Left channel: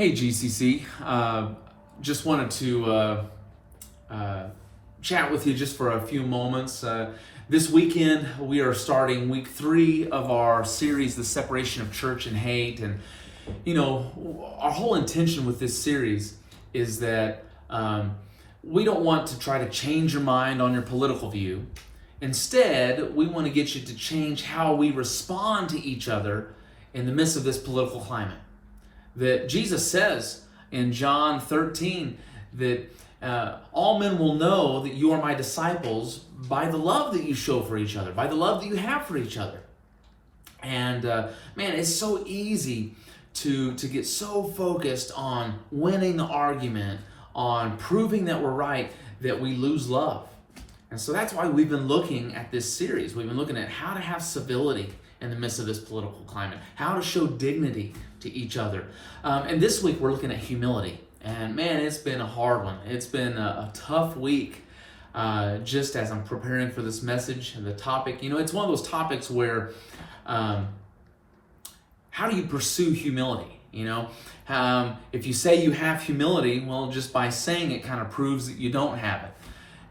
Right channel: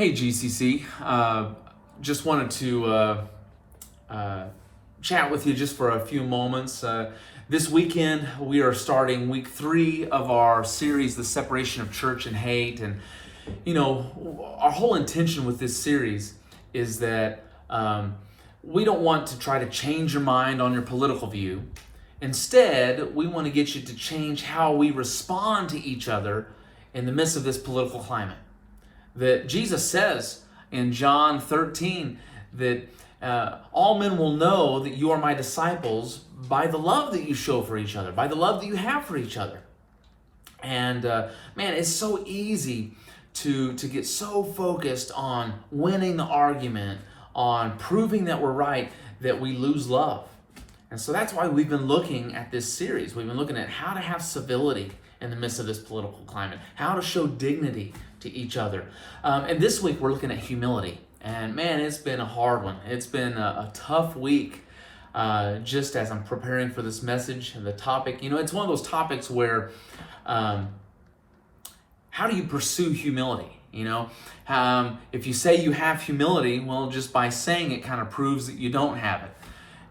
Hey GCC, just wanted to chat with you just for a few moments. This weekend we are starting week 3 of our series, The Separation of Church and Hate. And our whole intention with this series is that we don't want to try to change your mind on your political view. Instead, we want to get you to change how we respond to each other in the midst of this political climate. That Jesus says in John 13 that all men will know that you are my disciples by the love that you show for each other, by the love that you have for each other. And man, it's so easy to get so focused on winning the argument, on proving that we're right, that we lose love. And so that's why we've been looking at this series. We've been looking at how to have civility in the midst of this political climate, how to show dignity to each other. And this week we're looking at humility. And man, it's been a hard one. It's been a tough week just as I'm preparing for this message and the topic. It's one of those topics where how do you pursue humility? If you say you have humility, well, just by saying it kind of proves that you don't have it.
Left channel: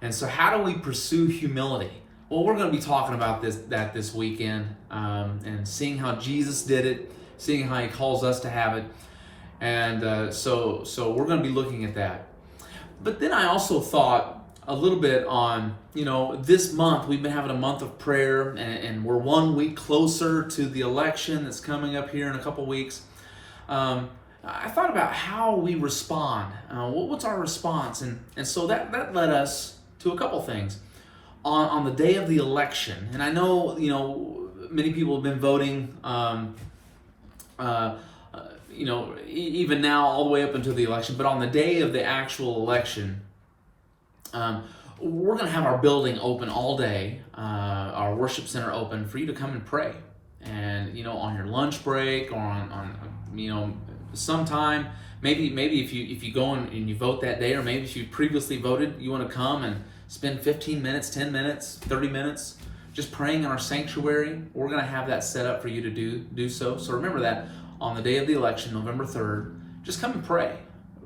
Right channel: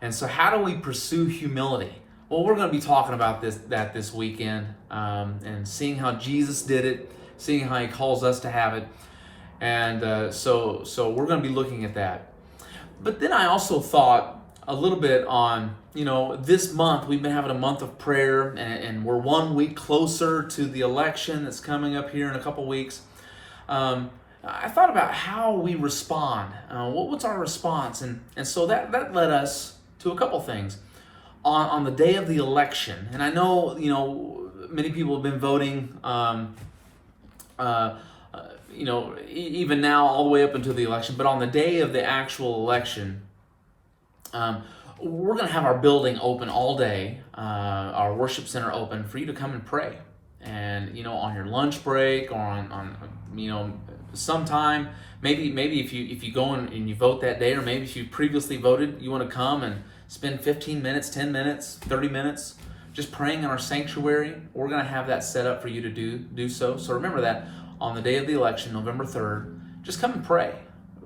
And so how do we pursue humility? Well, we're going to be talking about this weekend and seeing how Jesus did it, seeing how he calls us to have it. And so we're going to be looking at that. But then I also thought a little bit on, this month, we've been having a month of prayer, and we're 1 week closer to the election that's coming up here in a couple weeks. I thought about how we respond. What's our response? And so that led us to a couple things. On the day of the election, and I know, many people have been voting, even now all the way up until the election, but on the day of the actual election, we're going to have our building open all day, our worship center open for you to come and pray. And, on your lunch break or on sometime, maybe if you go and you vote that day, or maybe if you previously voted, you want to come and spend 15 minutes, 10 minutes, 30 minutes just praying in our sanctuary. We're going to have that set up for you to do so. So remember that on the day of the election, November 3rd, just come and pray.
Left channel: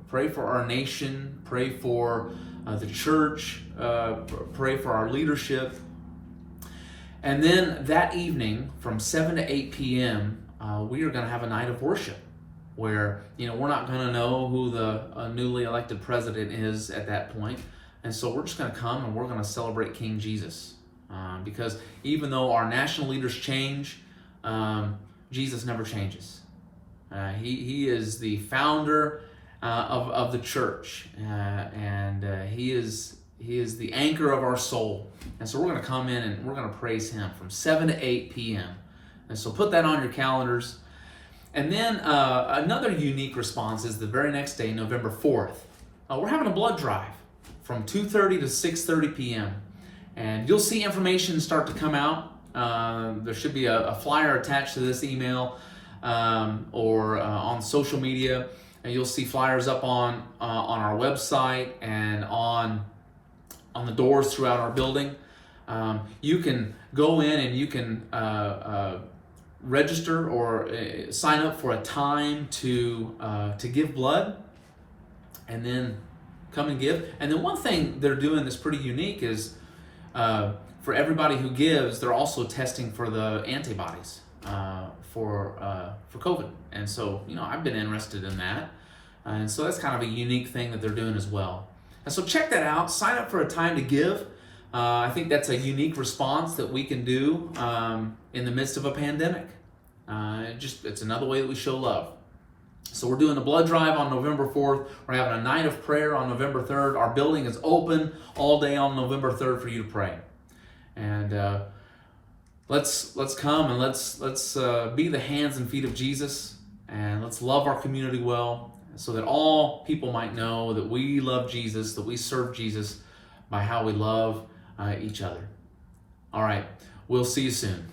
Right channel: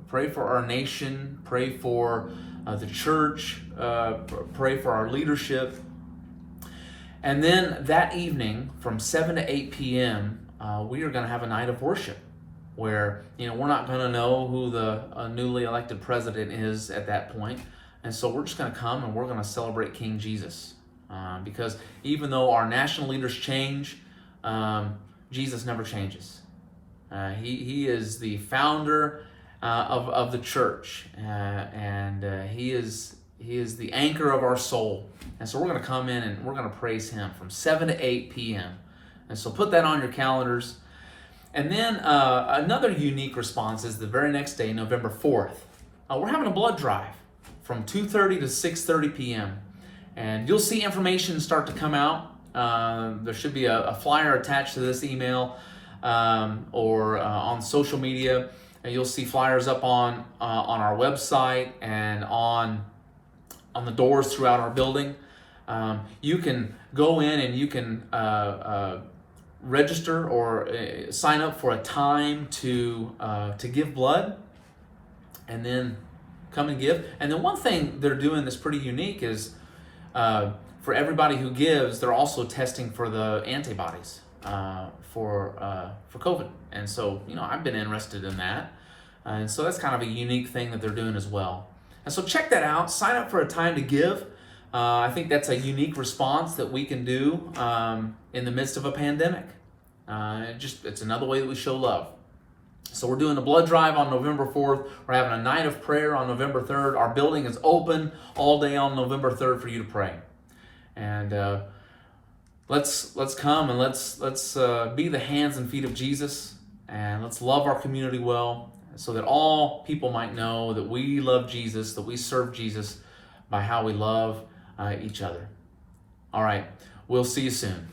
Pray for our nation, pray for the church, pray for our leadership. And then that evening from 7 to 8 p.m., we are going to have a night of worship where, we're not going to know who the newly elected president is at that point. And so we're just going to come and we're going to celebrate King Jesus. Because even though our national leaders change, Jesus never changes. He is the founder of the church. And he is the anchor of our soul. And so we're going to come in and we're going to praise him from 7 to 8 p.m. And so put that on your calendars. And then another unique response is the very next day, November 4th. We're having a blood drive from 2:30 to 6:30 p.m. And you'll see information start to come out. There should be a flyer attached to this email or on social media. And you'll see flyers up on our website and on the doors throughout our building. You can go in and you can register or sign up for a time to give blood, and then come and give. And then one thing they're doing that's pretty unique is for everybody who gives, they're also testing for the antibodies for COVID. And so, I've been interested in that. And so that's kind of a unique thing that they're doing as well. And so check that out. Sign up for a time to give. I think that's a unique response that we can do in the midst of a pandemic. It's another way that we show love. So we're doing a blood drive on November 4th. We're having a night of prayer on November 3rd. Our building is open all day on November 3rd for you to pray. And let's come and let's be the hands and feet of Jesus, and let's love our community well, so that all people might know that we love Jesus, that we serve Jesus by how we love each other. All right, we'll see you soon.